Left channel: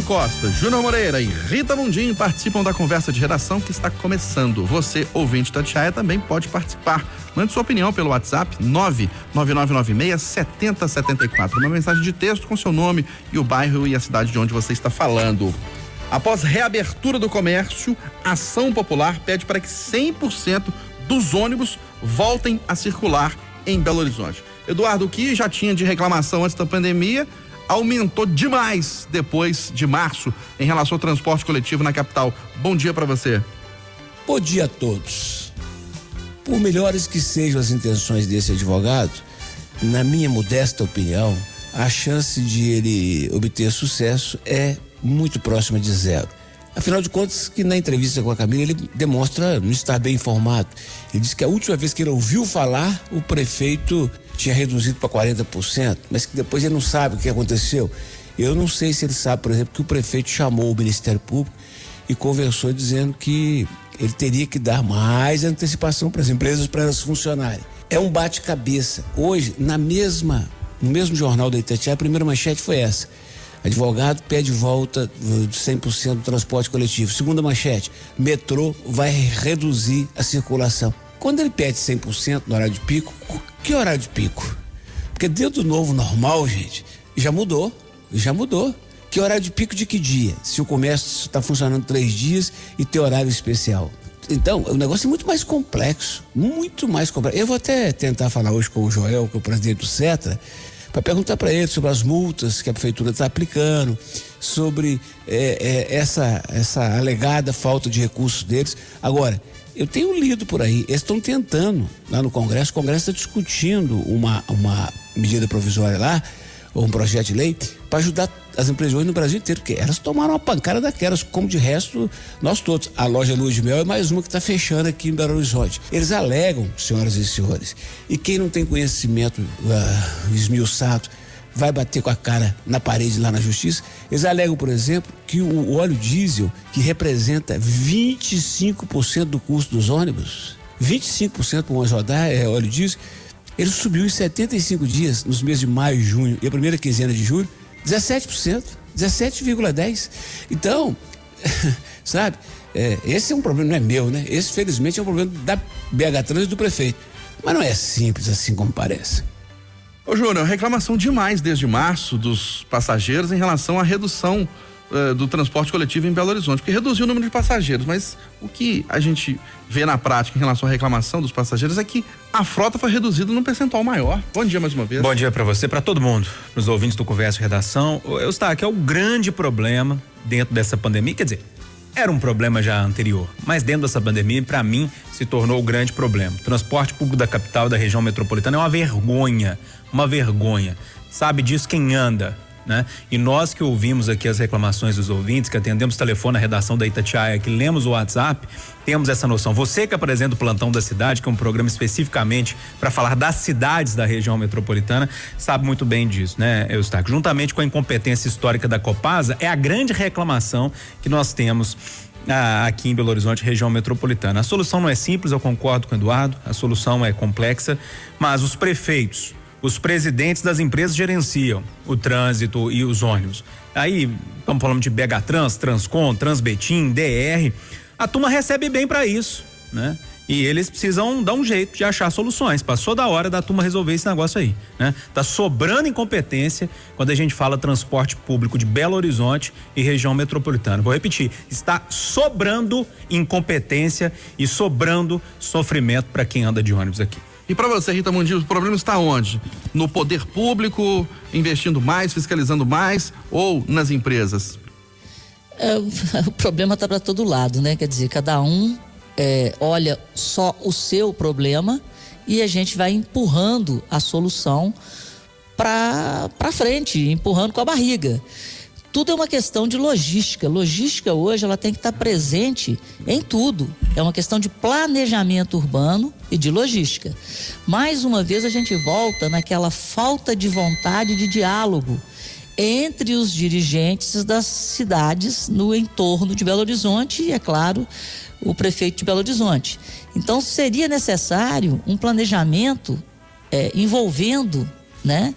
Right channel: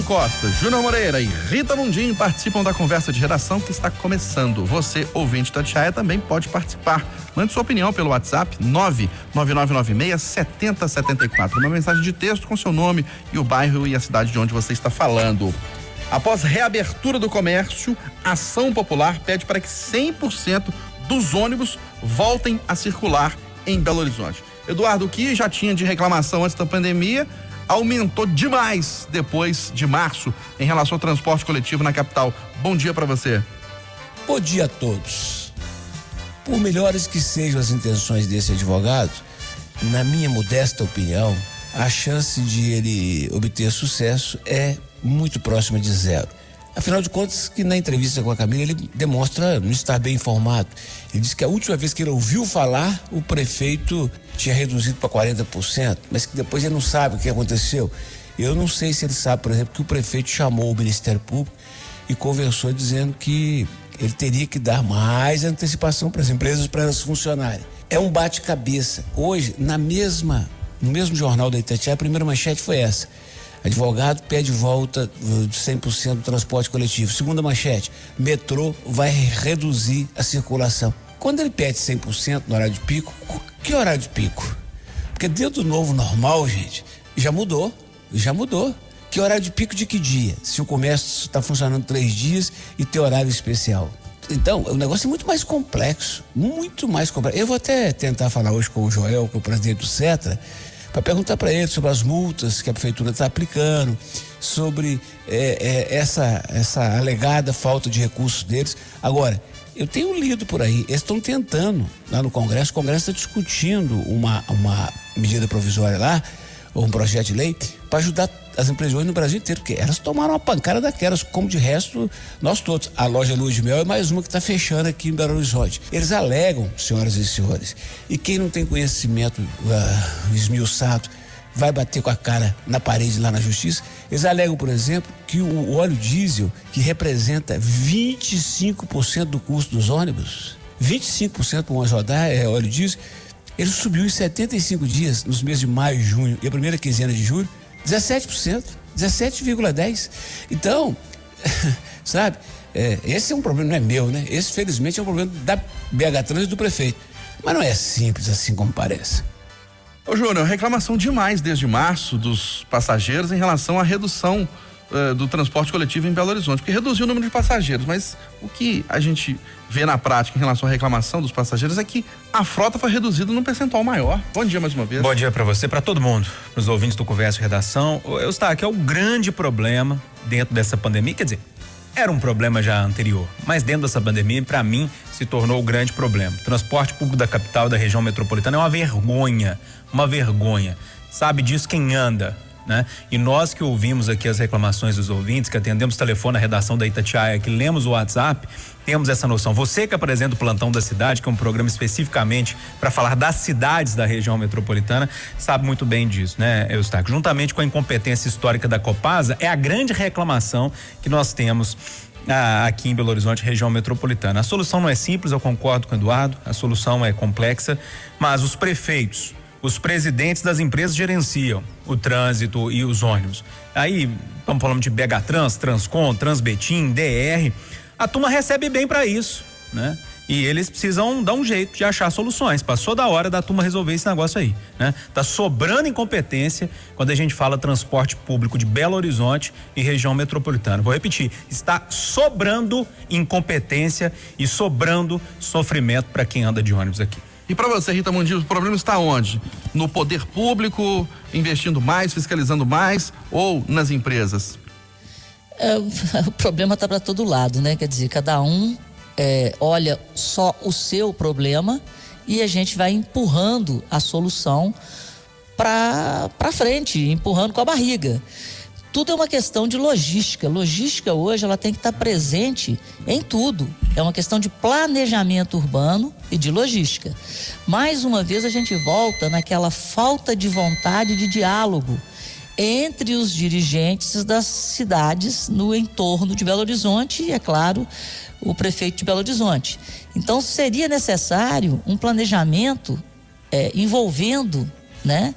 Costa, Júnior Moreira e Rita Mundim participam da conversa de redação que está começando. Você, ouvinte da Itatiaia, também pode participar. Mande sua opinião pelo WhatsApp 99996-7074. Uma mensagem de texto com seu nome e o bairro e a cidade de onde você está falando. Após reabertura do comércio, a Ação Popular pede para que 100% dos ônibus voltem a circular em Belo Horizonte. Eduardo, o que já tinha de reclamação antes da pandemia aumentou demais depois de março em relação ao transporte coletivo na capital. Bom dia para você. Bom dia a todos. Por melhores que sejam as intenções desse advogado, na minha modesta opinião, a chance de ele obter sucesso é muito próxima de zero. Afinal de contas, que na entrevista com a Camila ele demonstra não estar bem informado. Ele disse que a última vez que ele ouviu falar, o prefeito tinha reduzido para 40%, mas que depois ele não sabe o que aconteceu. Eu não sei se ele sabe, por exemplo, que o prefeito chamou o Ministério Público e conversou dizendo que ele teria que dar mais antecipação para as empresas para elas funcionarem. É um bate-cabeça. Hoje, no mesmo jornal da Itatiaia, a primeira manchete foi essa. Advogado pede volta de 100% do transporte coletivo. Segunda manchete, metrô vai reduzir a circulação. Quando ele pede 100% no horário de pico, que horário de pico? Porque dentro do novo normal, gente, já mudou. Que horário de pico de que dia? Se o comércio está funcionando 3 dias e tem horário especial. Então, o negócio é muito mais complexo. Eu vou até tentar falar hoje com o Joel, que é o presidente do Cetra, para perguntar para ele sobre as multas que a prefeitura está aplicando, sobre essa alegada falta de recursos deles. Agora, eu tenho lido por aí, eles estão tentando lá no Congresso, o Congresso está discutindo uma medida provisória lá, ou um projeto de lei, para ajudar as empresas hoje no Brasil inteiro, porque elas tomaram uma pancada daquelas, como de resto nós todos. A loja Lua de Mel é mais uma que está fechando aqui em Belo Horizonte. Eles alegam, senhoras e senhores, e quem não tem conhecimento esmiuçado vai bater com a cara na parede lá na justiça. Eles alegam, por exemplo, que o óleo diesel, que representa 25% do custo dos ônibus, 25% por uma rodada é óleo diesel, ele subiu em 75 dias, nos meses de maio e junho, e a primeira quinzena de julho, 17%, 17,10%. Então, sabe, esse é um problema, não é meu, né? Esse, felizmente, é um problema da BH Trans e do prefeito. Mas não é simples assim como parece. Ô, Júnior, reclamação demais desde março dos passageiros em relação à redução do transporte coletivo em Belo Horizonte, porque reduziu o número de passageiros, mas o que a gente vê na prática em relação à reclamação dos passageiros é que a frota foi reduzida num percentual maior. Bom dia mais uma vez. Bom dia para você, para todo mundo, para os ouvintes do Conversa e Redação. Eustáquio, é o grande problema dentro dessa pandemia, quer dizer, era um problema já anterior, mas dentro dessa pandemia, para mim, se tornou o grande problema. O transporte público da capital, da região metropolitana é uma vergonha. Sabe disso quem anda, né? E nós que ouvimos aqui as reclamações dos ouvintes, que atendemos o telefone na redação da Itatiaia, que lemos o WhatsApp, temos essa noção. Você que apresenta o Plantão da Cidade, que é um programa especificamente para falar das cidades da região metropolitana, sabe muito bem disso, né, Eustáquio? Juntamente com a incompetência histórica da Copasa, é a grande reclamação que nós temos aqui em Belo Horizonte, região metropolitana. A solução não é simples, eu concordo com o Eduardo, a solução é complexa, mas os prefeitos, os presidentes das empresas gerenciam o trânsito e os ônibus. Aí, estamos falando de BH Trans, Transcom, Transbetim, DR. A turma recebe bem para isso, né? E eles precisam dar um jeito de achar soluções. Passou da hora da turma resolver esse negócio aí, né? Tá sobrando incompetência quando a gente fala transporte público de Belo Horizonte e região metropolitana. Vou repetir, está sobrando incompetência e sobrando sofrimento para quem anda de ônibus aqui. E para você, Rita Mundim, o problema está onde? No poder público, investindo mais, fiscalizando mais, ou nas empresas? O problema está para todo lado, né? Quer dizer, cada um olha só o seu problema e a gente vai empurrando a solução para frente, empurrando com a barriga. Tudo é uma questão de logística. Logística hoje ela tem que estar presente em tudo. É uma questão de planejamento urbano e de logística. Mais uma vez a gente volta naquela falta de vontade de diálogo entre os dirigentes das cidades no entorno de Belo Horizonte e, é claro, o prefeito de Belo Horizonte. Então seria necessário um planejamento envolvendo, né,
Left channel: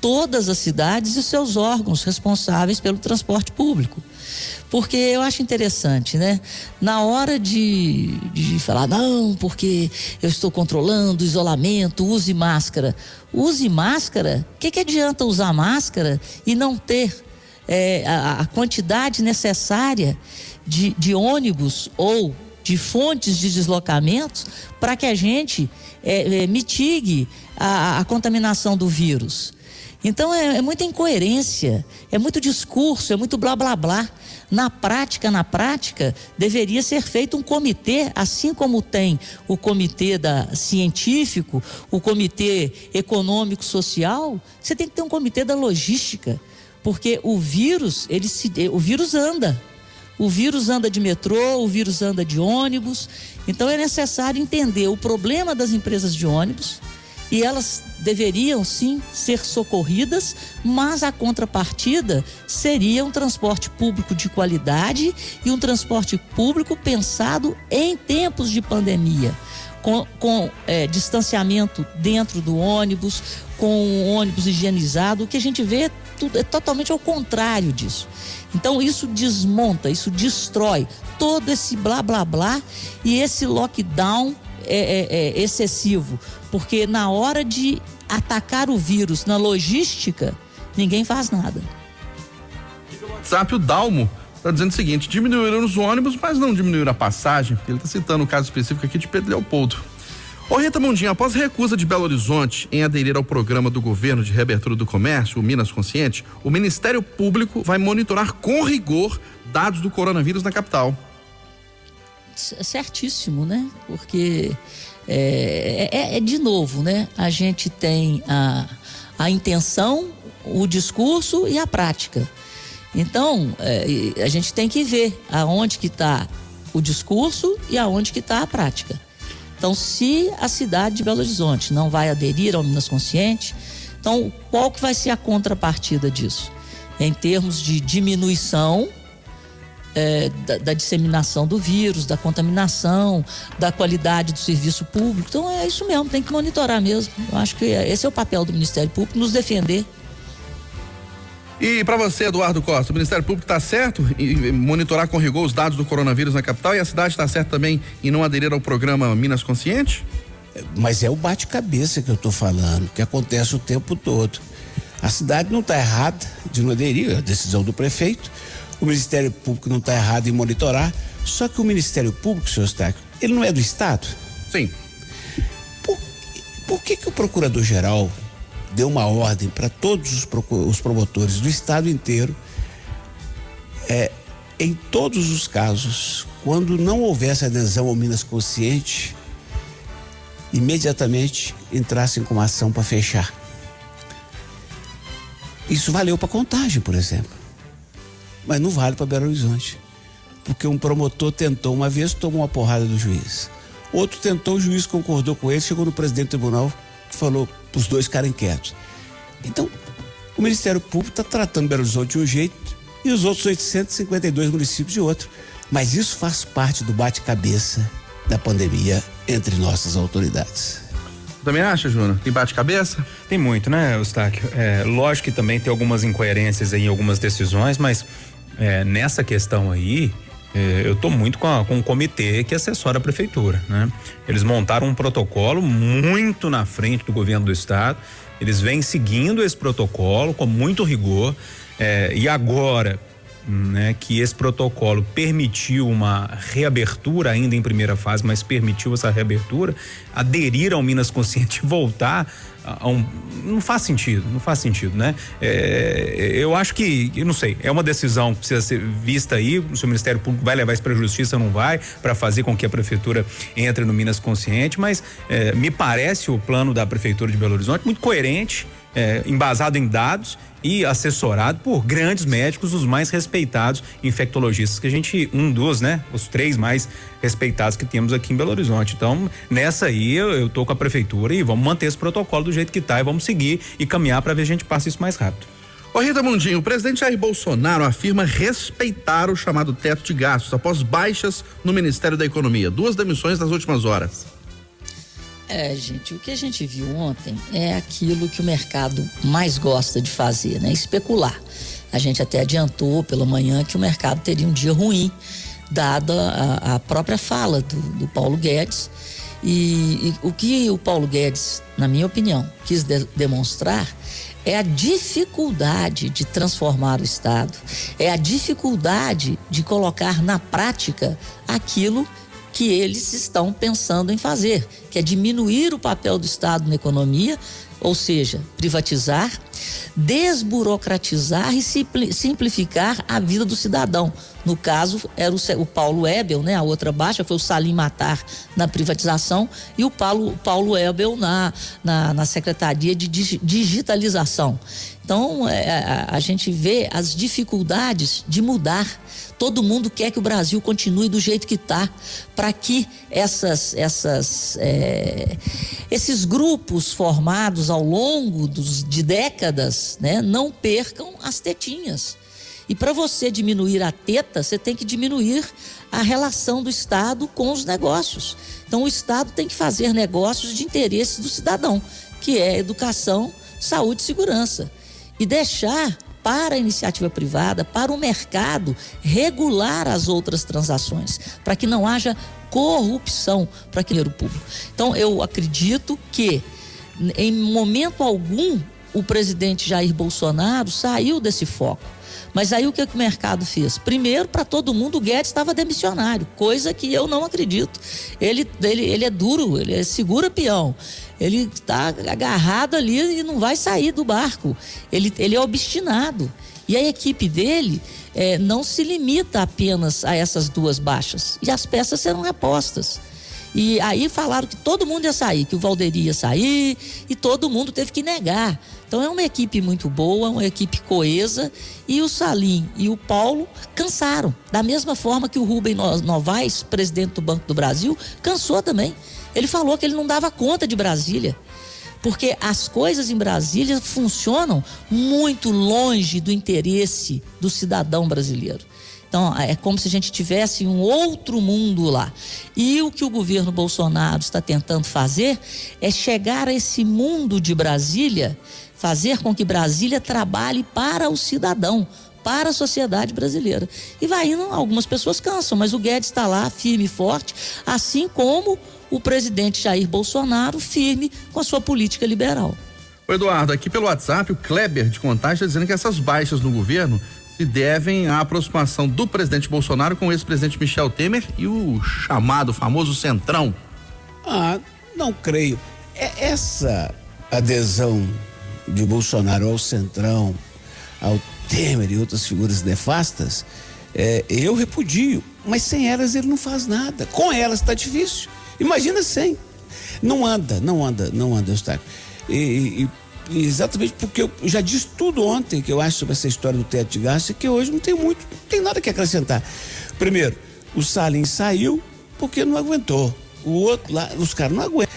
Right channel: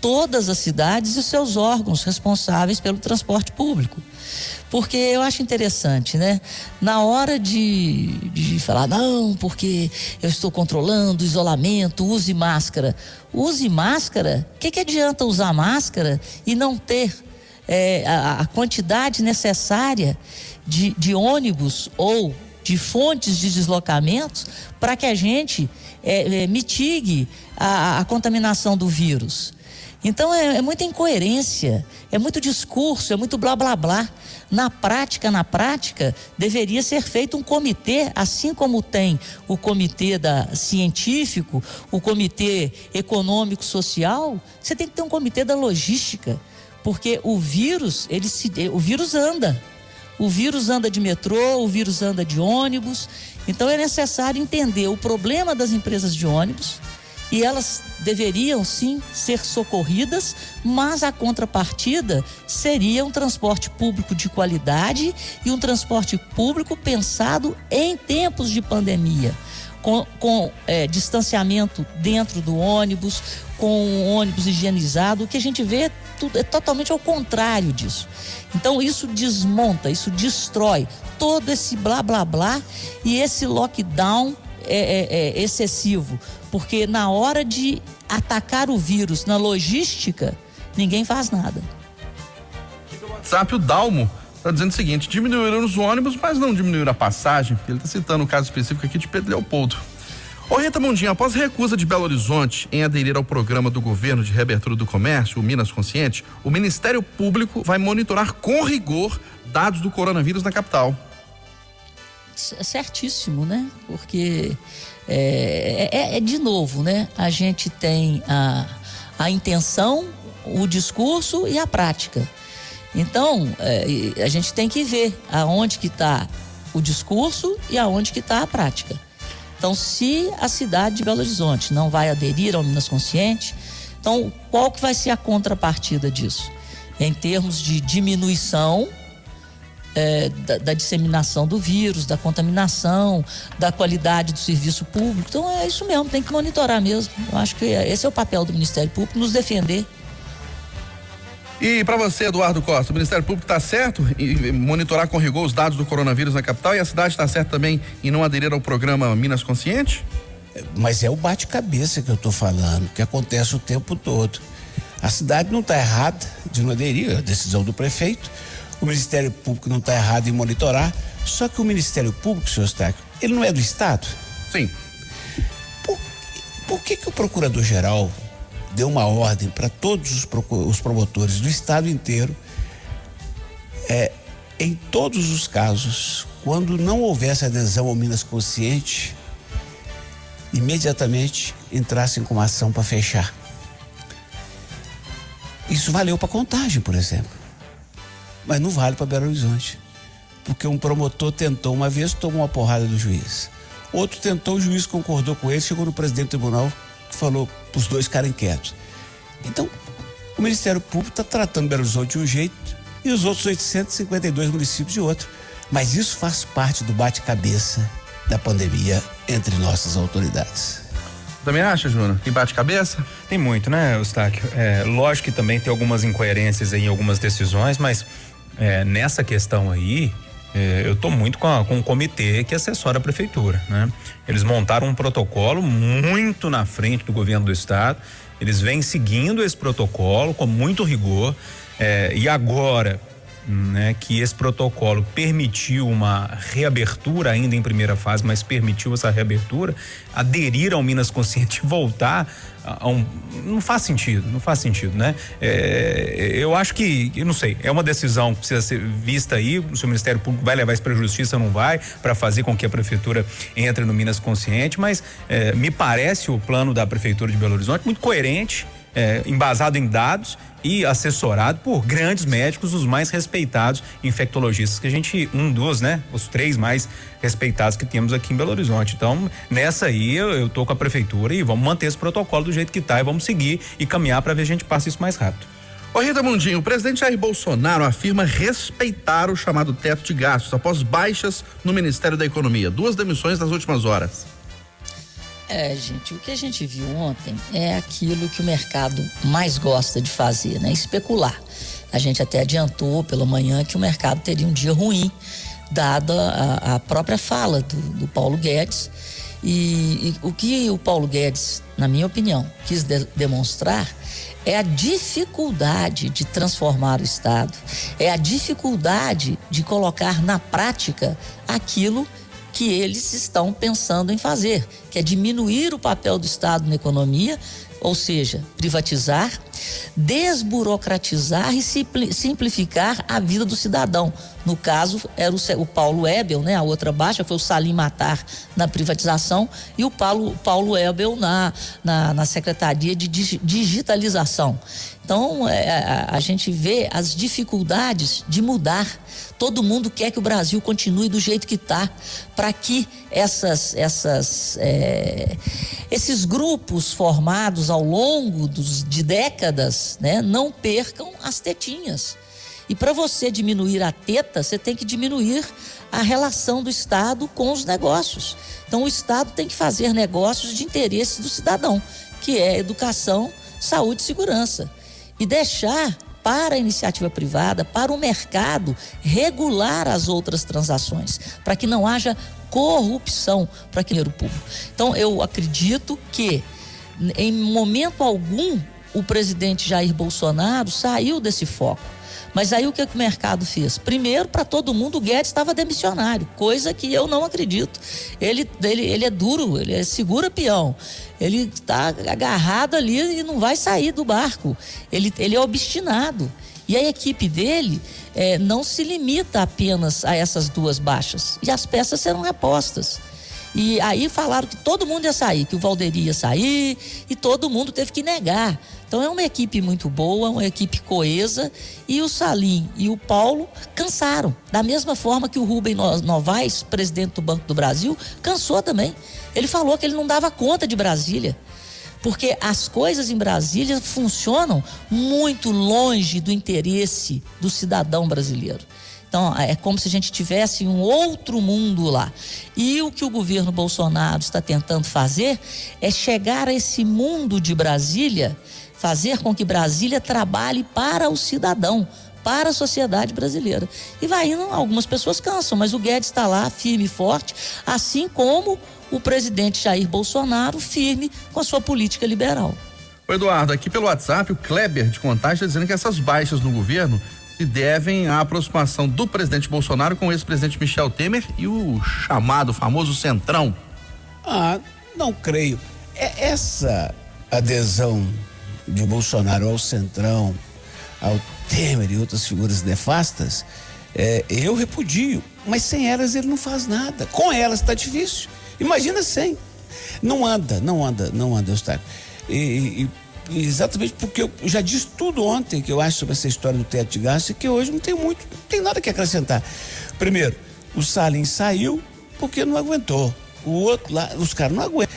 todas as cidades e os seus órgãos responsáveis pelo transporte público. Porque eu acho interessante, né? Na hora de falar, não, porque eu estou controlando o isolamento, use máscara. Use máscara, o que adianta usar máscara e não ter a quantidade necessária de ônibus ou de fontes de deslocamentos para que a gente mitigue a contaminação do vírus? Então é muita incoerência, é muito discurso, é muito blá blá blá. Na prática, deveria ser feito um comitê, assim como tem o comitê científico, o comitê econômico-social, você tem que ter um comitê da logística, porque o vírus anda. O vírus anda de metrô, o vírus anda de ônibus. Então é necessário entender o problema das empresas de ônibus, e elas deveriam sim ser socorridas, mas a contrapartida seria um transporte público de qualidade e um transporte público pensado em tempos de pandemia, com distanciamento dentro do ônibus, com o ônibus higienizado. O que a gente vê é totalmente ao contrário disso. Então isso desmonta, isso destrói todo esse blá blá blá e esse lockdown excessivo, porque na hora de atacar o vírus na logística, ninguém faz nada. No WhatsApp, o Dalmo está dizendo o seguinte: diminuíram os ônibus, mas não diminuíram a passagem. Ele está citando o caso específico aqui de Pedro Leopoldo. Ô Rita Mundinho, após recusa de Belo Horizonte em aderir ao programa do governo de reabertura do comércio, o Minas Consciente, o Ministério Público vai monitorar com rigor dados do coronavírus na capital. Certíssimo, né? Porque de novo, né? A gente tem a intenção, o discurso e a prática. Então, a gente tem que ver aonde que está o discurso e aonde que está a prática. Então, se a cidade de Belo Horizonte não vai aderir ao Minas Consciente, então qual que vai ser a contrapartida disso? Em termos de diminuição da disseminação do vírus, da contaminação, da qualidade do serviço público. Então é isso mesmo, tem que monitorar mesmo. Eu acho que esse é o papel do Ministério Público, nos defender. E para você, Eduardo Costa, o Ministério Público está certo em monitorar com rigor os dados do coronavírus na capital, e a cidade está certa também em não aderir ao programa Minas Consciente? Mas é o bate-cabeça que eu estou falando, que acontece o tempo todo. A cidade não está errada de não aderir, é a decisão do prefeito. O Ministério Público não está errado em monitorar, só que o Ministério Público, senhor Eustáquio, ele não é do Estado? Sim. Por que o Procurador-Geral deu uma ordem para todos os promotores do Estado inteiro, em todos os casos, quando não houvesse adesão ao Minas Consciente, imediatamente entrassem com uma ação para fechar? Isso valeu para Contagem, por exemplo. Mas não vale para Belo Horizonte, porque um promotor tentou uma vez, tomou uma porrada do juiz. Outro tentou, o juiz concordou com ele, chegou no presidente do tribunal, que falou para os dois ficarem quietos. Então, o Ministério Público está tratando Belo Horizonte de um jeito e os outros 852 municípios de outro. Mas isso faz parte do bate-cabeça da pandemia entre nossas autoridades. Também acha, Júnior, que bate cabeça? Tem muito, né, Eustáquio? Lógico que também tem algumas incoerências em algumas decisões, mas nessa questão aí, eu estou muito com o comitê que assessora a prefeitura, né? Eles montaram um protocolo muito na frente do governo do estado, eles vêm seguindo esse protocolo com muito rigor, e agora, né, que esse protocolo permitiu uma reabertura ainda em primeira fase, mas permitiu essa reabertura, aderir ao Minas Consciente e voltar não faz sentido, né? Eu acho que, eu não sei, é uma decisão que precisa ser vista aí, se o Ministério Público vai levar isso para a Justiça ou não vai, para fazer com que a prefeitura entre no Minas Consciente, mas me parece o plano da prefeitura de Belo Horizonte muito coerente, embasado em dados e assessorado por grandes médicos, os mais respeitados infectologistas que a gente, os 3 mais respeitados que temos aqui em Belo Horizonte. Então, nessa aí eu tô com a prefeitura e vamos manter esse protocolo do jeito que tá e vamos seguir e caminhar para ver se a gente passa isso mais rápido. Ô Rita Mundinho, o presidente Jair Bolsonaro afirma respeitar o chamado teto de gastos após baixas no Ministério da Economia. 2 demissões nas últimas horas. Gente, o que a gente viu ontem é aquilo que o mercado mais gosta de fazer, né? Especular. A gente até adiantou pela manhã que o mercado teria um dia ruim, dada a própria fala do Paulo Guedes. E o que o Paulo Guedes, na minha opinião, quis demonstrar é a dificuldade de transformar o Estado, é a dificuldade de colocar na prática aquilo que eles estão pensando em fazer, que é diminuir o papel do Estado na economia, ou seja, privatizar, desburocratizar e simplificar a vida do cidadão. No caso, era o Paulo Ebel, né? A outra baixa foi o Salim Matar na privatização e o Paulo Ebel na Secretaria de Digitalização. Então, a gente vê as dificuldades de mudar. Todo mundo quer que o Brasil continue do jeito que está, para que esses grupos formados ao longo de décadas, né, não percam as tetinhas. E para você diminuir a teta, você tem que diminuir a relação do Estado com os negócios. Então, o Estado tem que fazer negócios de interesse do cidadão, que é educação, saúde e segurança. E deixar para a iniciativa privada, para o mercado, regular as outras transações, para que não haja corrupção para aquele dinheiro público. Então, eu acredito que, em momento algum, o presidente Jair Bolsonaro saiu desse foco. Mas aí o que o mercado fez? Primeiro, para todo mundo, o Guedes estava demissionário, coisa que eu não acredito. Ele é duro, ele segura peão. Ele está agarrado ali e não vai sair do barco. Ele é obstinado. E a equipe dele não se limita apenas a essas duas baixas. E as peças serão repostas. E aí falaram que todo mundo ia sair, que o Valderi ia sair, e todo mundo teve que negar. Então é uma equipe muito boa, uma equipe coesa, e o Salim e o Paulo cansaram. Da mesma forma que o Rubem Novaes, presidente do Banco do Brasil, cansou também. Ele falou que ele não dava conta de Brasília, porque as coisas em Brasília funcionam muito longe do interesse do cidadão brasileiro. Então, é como se a gente tivesse um outro mundo lá. E o que o governo Bolsonaro está tentando fazer é chegar a esse mundo de Brasília, fazer com que Brasília trabalhe para o cidadão, para a sociedade brasileira. E vai indo, algumas pessoas cansam, mas o Guedes está lá firme e forte, assim como o presidente Jair Bolsonaro firme com a sua política liberal. Ô Eduardo, aqui pelo WhatsApp, o Kleber de Contagem está dizendo que essas baixas no governo se devem à aproximação do presidente Bolsonaro com o ex-presidente Michel Temer e o chamado famoso Centrão. Não creio. Essa adesão de Bolsonaro ao Centrão, ao Temer e outras figuras nefastas, eu repudio, mas sem elas ele não faz nada. Com elas está difícil. Imagina sem. Não anda, Eustáquio. Exatamente porque eu já disse tudo ontem que eu acho sobre essa história do teto de gastos, e que hoje não tem nada que acrescentar. Primeiro, o Salim saiu porque não aguentou. O outro lá, os caras não aguentam.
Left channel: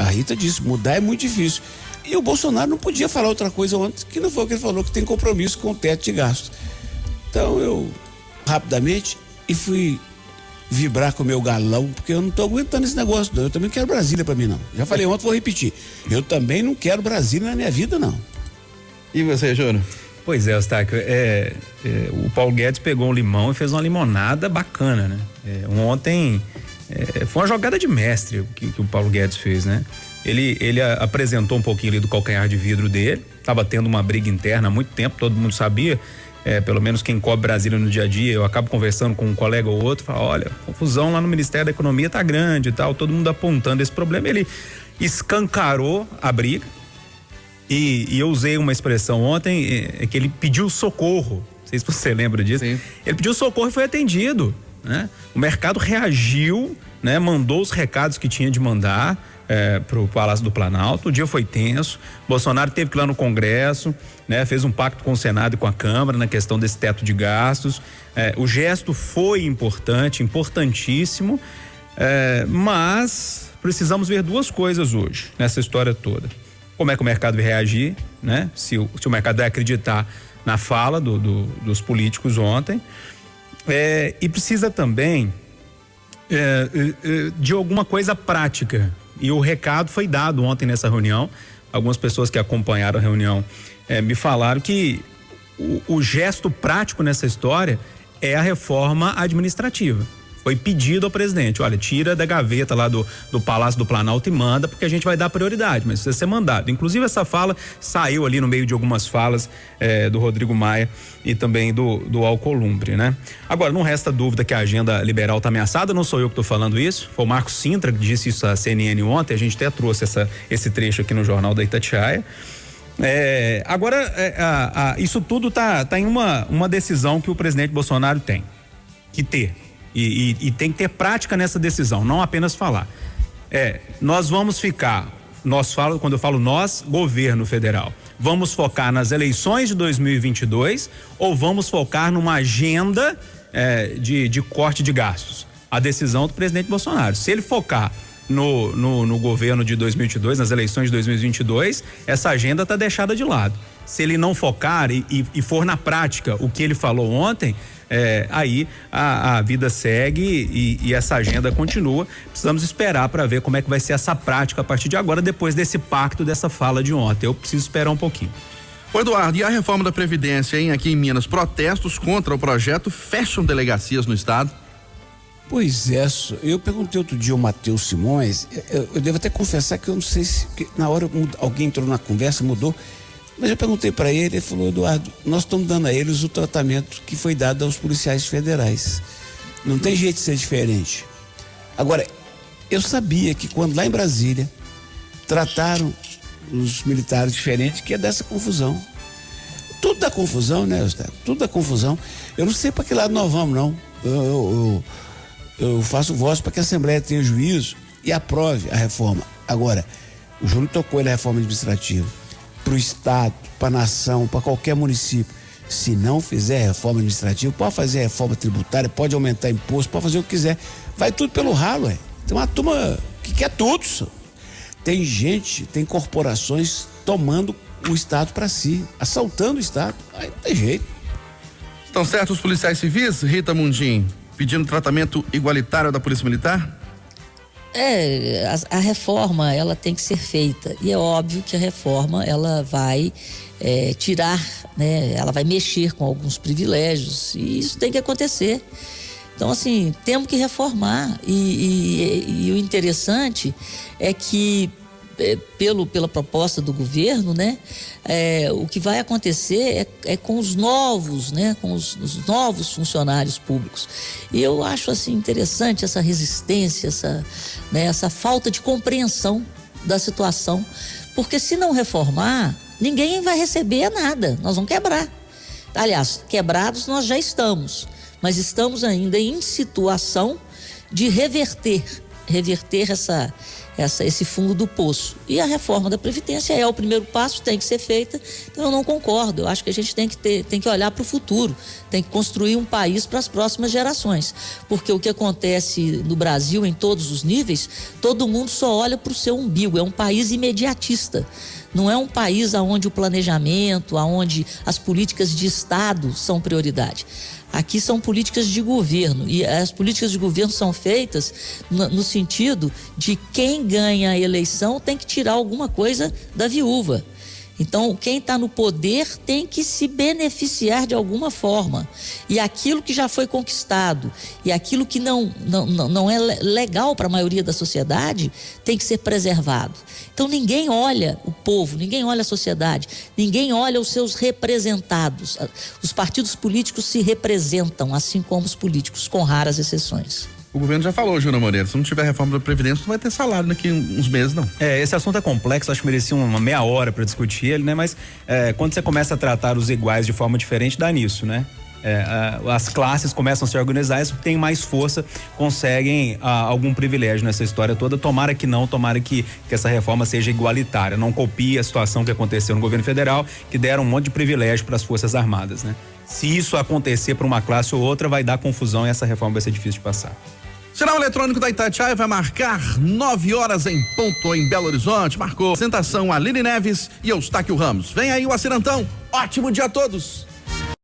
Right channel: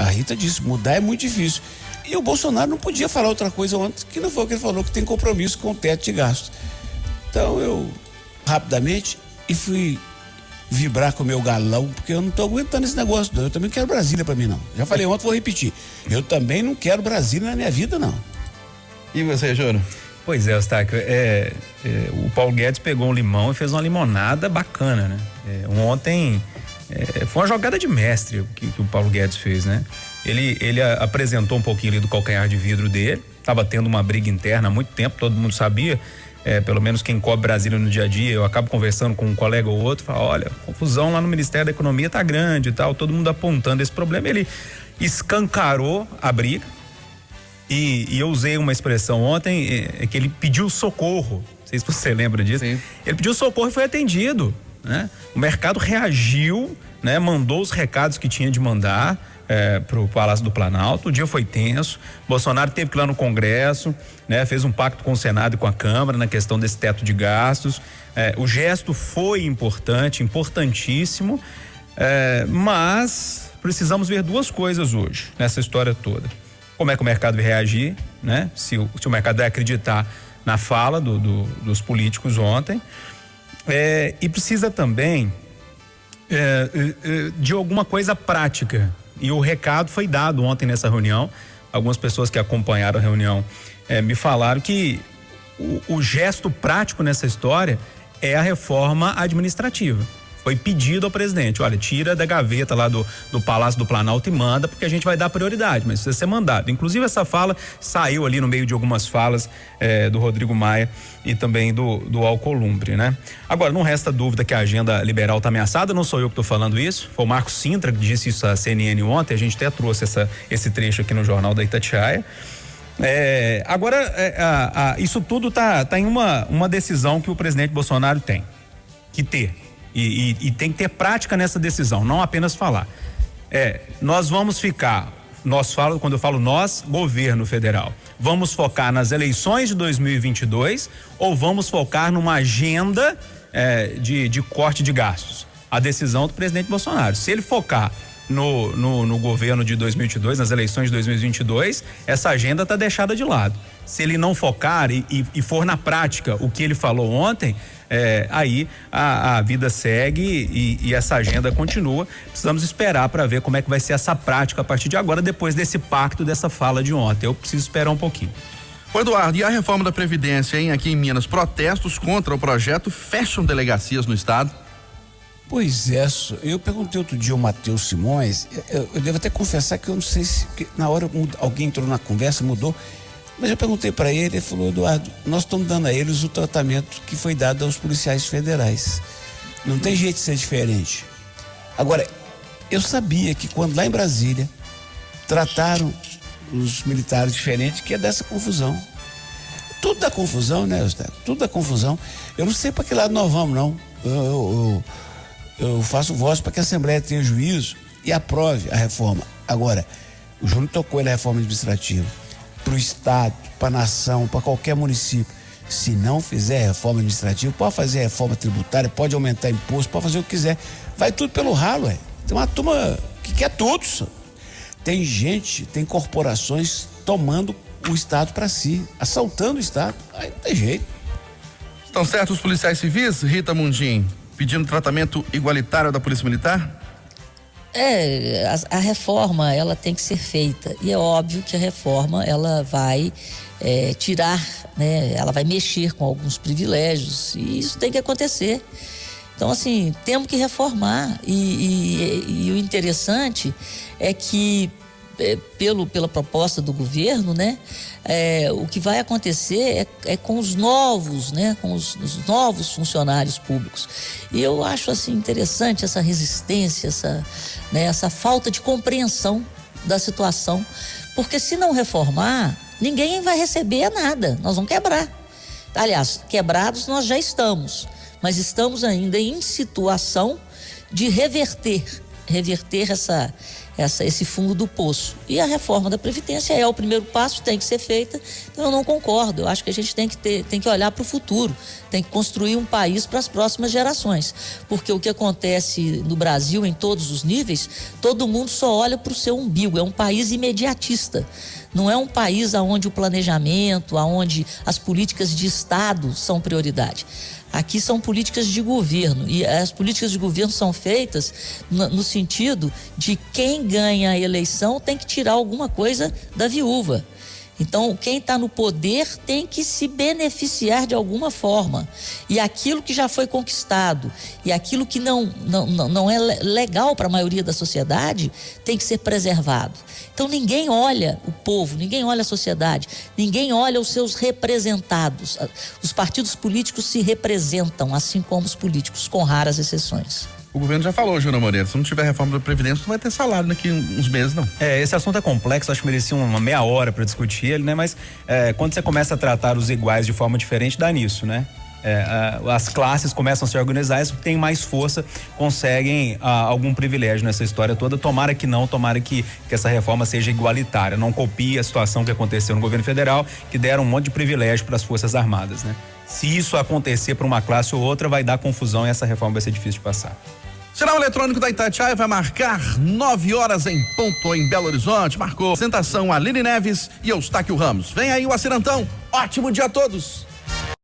A Rita disse, mudar é muito difícil. E o Bolsonaro não podia falar outra coisa ontem, que não foi o que ele falou, que tem compromisso com o teto de gastos. Então eu, rapidamente, fui vibrar com o meu galão, porque eu não tô aguentando esse negócio, não. Eu também não quero Brasília pra mim, não. Já falei ontem, vou repetir. Eu também não quero Brasília na minha vida, não. E você, Júnior? Pois é, Eustáquio, o Paulo Guedes pegou um limão e fez uma limonada bacana, né? Ontem foi uma jogada de mestre que o Paulo Guedes fez, né? Ele apresentou um pouquinho ali do calcanhar de vidro dele, estava tendo uma briga interna há muito tempo, todo mundo sabia. Pelo menos quem cobre Brasília no dia a dia, eu acabo conversando com um colega ou outro, fala, olha, a confusão lá no Ministério da Economia tá grande e tal, todo mundo apontando esse problema. Ele escancarou a briga e eu usei uma expressão ontem, que ele pediu socorro, não sei se você lembra disso. Sim. Ele pediu socorro e foi atendido, né? O mercado reagiu, né? Mandou os recados que tinha de mandar pro Palácio do Planalto. O dia foi tenso, Bolsonaro teve que ir lá no Congresso, né? Fez um pacto com o Senado e com a Câmara na questão desse teto de gastos. O gesto foi importante, importantíssimo, mas precisamos ver duas coisas hoje nessa história toda. Como é que o mercado vai reagir, né? Se o mercado vai acreditar na fala dos políticos ontem, e precisa também de alguma coisa prática. E o recado foi dado ontem nessa reunião. Algumas pessoas que acompanharam a reunião me falaram que o gesto prático nessa história é a reforma administrativa. Foi pedido ao presidente, olha, tira da gaveta lá do Palácio do Planalto e manda, porque a gente vai dar prioridade, mas precisa ser mandado. Inclusive essa fala saiu ali no meio de algumas falas do Rodrigo Maia e também do Alcolumbre, né? Agora, não resta dúvida que a agenda liberal está ameaçada, não sou eu que estou falando isso, foi o Marcos Sintra que disse isso à CNN ontem, a gente até trouxe esse trecho aqui no Jornal da Itatiaia. Agora, isso tudo tá em uma decisão que o presidente Bolsonaro tem que ter. E tem que ter prática nessa decisão, não apenas falar. Nós vamos ficar, quando eu falo nós, governo federal, vamos focar nas eleições de 2022 ou vamos focar numa agenda de corte de gastos? A decisão do presidente Bolsonaro. Se ele focar no governo de 2022, nas eleições de 2022, essa agenda está deixada de lado. Se ele não focar e for na prática o que ele falou ontem, aí a vida segue e essa agenda continua. Precisamos esperar para ver como é que vai ser essa prática a partir de agora, depois desse pacto, dessa fala de ontem. Eu preciso esperar um pouquinho. Ô Eduardo, e a reforma da Previdência, hein? Aqui em Minas, protestos contra o projeto fecham delegacias no estado. Pois é, eu perguntei outro dia ao Matheus Simões, eu devo até confessar que eu não sei se na hora alguém entrou na conversa, mudou, mas eu perguntei para ele falou, Eduardo, nós estamos dando a eles o tratamento que foi dado aos policiais federais. Não tem jeito de ser diferente. Agora, eu sabia que quando lá em Brasília trataram os militares diferentes, que é dessa confusão. Tudo dá confusão, né, Eustáquio? Tudo dá confusão. Eu não sei para que lado nós vamos, não. Eu faço voz para que a Assembleia tenha juízo e aprove a reforma. Agora, o Júnior tocou ele a reforma administrativa. Para o Estado, para a nação, para qualquer município. Se não fizer reforma administrativa, pode fazer reforma tributária, pode aumentar imposto, pode fazer o que quiser. Vai tudo pelo ralo, Tem uma turma que quer tudo, Tem gente, tem corporações tomando o Estado para si, assaltando o Estado. Aí não tem jeito. Estão certos os policiais civis, Rita Mundim, pedindo tratamento igualitário da Polícia Militar? A reforma, ela tem que ser feita, e é óbvio que a reforma, ela vai tirar, né, ela vai mexer com alguns privilégios, e isso tem que acontecer. Então, assim, temos que reformar, e o interessante é que pela proposta do governo, né, o que vai acontecer é com os novos, né, com os novos funcionários públicos. E eu acho assim interessante essa resistência, essa falta de compreensão da situação, porque se não reformar, ninguém vai receber nada, nós vamos quebrar. Aliás, quebrados nós já estamos, mas estamos ainda em situação de reverter esse fundo do poço. E a reforma da Previdência é o primeiro passo, tem que ser feita. Então eu não concordo, eu acho que a gente tem que olhar para o futuro, tem que construir um país para as próximas gerações, porque o que acontece no Brasil em todos os níveis, todo mundo só olha para o seu umbigo, é um país imediatista. Não é um país onde o planejamento, onde as políticas de Estado são prioridade. Aqui são políticas de governo, e as políticas de governo são feitas no sentido de quem ganha a eleição tem que tirar alguma coisa da viúva. Então, quem está no poder tem que se beneficiar de alguma forma. E aquilo que já foi conquistado e aquilo que não é legal para a maioria da sociedade tem que ser preservado. Então, ninguém olha o povo, ninguém olha a sociedade, ninguém olha os seus representados. Os partidos políticos se representam, assim como os políticos, com raras exceções. O governo já falou, Júnior Moreira, se não tiver reforma da Previdência, não vai ter salário daqui uns meses, não. Esse assunto é complexo, acho que merecia uma meia hora para discutir ele, né? Mas quando você começa a tratar os iguais de forma diferente, dá nisso, né? As classes começam a se organizar, as que têm mais força conseguem algum privilégio nessa história toda. Tomara que não, tomara que essa reforma seja igualitária, não copie a situação que aconteceu no governo federal, que deram um monte de privilégio para as Forças Armadas, né? Se isso acontecer para uma classe ou outra, vai dar confusão e essa reforma vai ser difícil de passar. Sinal eletrônico da Itatiaia vai marcar 9 horas em ponto em Belo Horizonte. Marcou apresentação Aline Neves e Eustáquio Ramos. Vem aí o Acirantão. Ótimo dia a todos.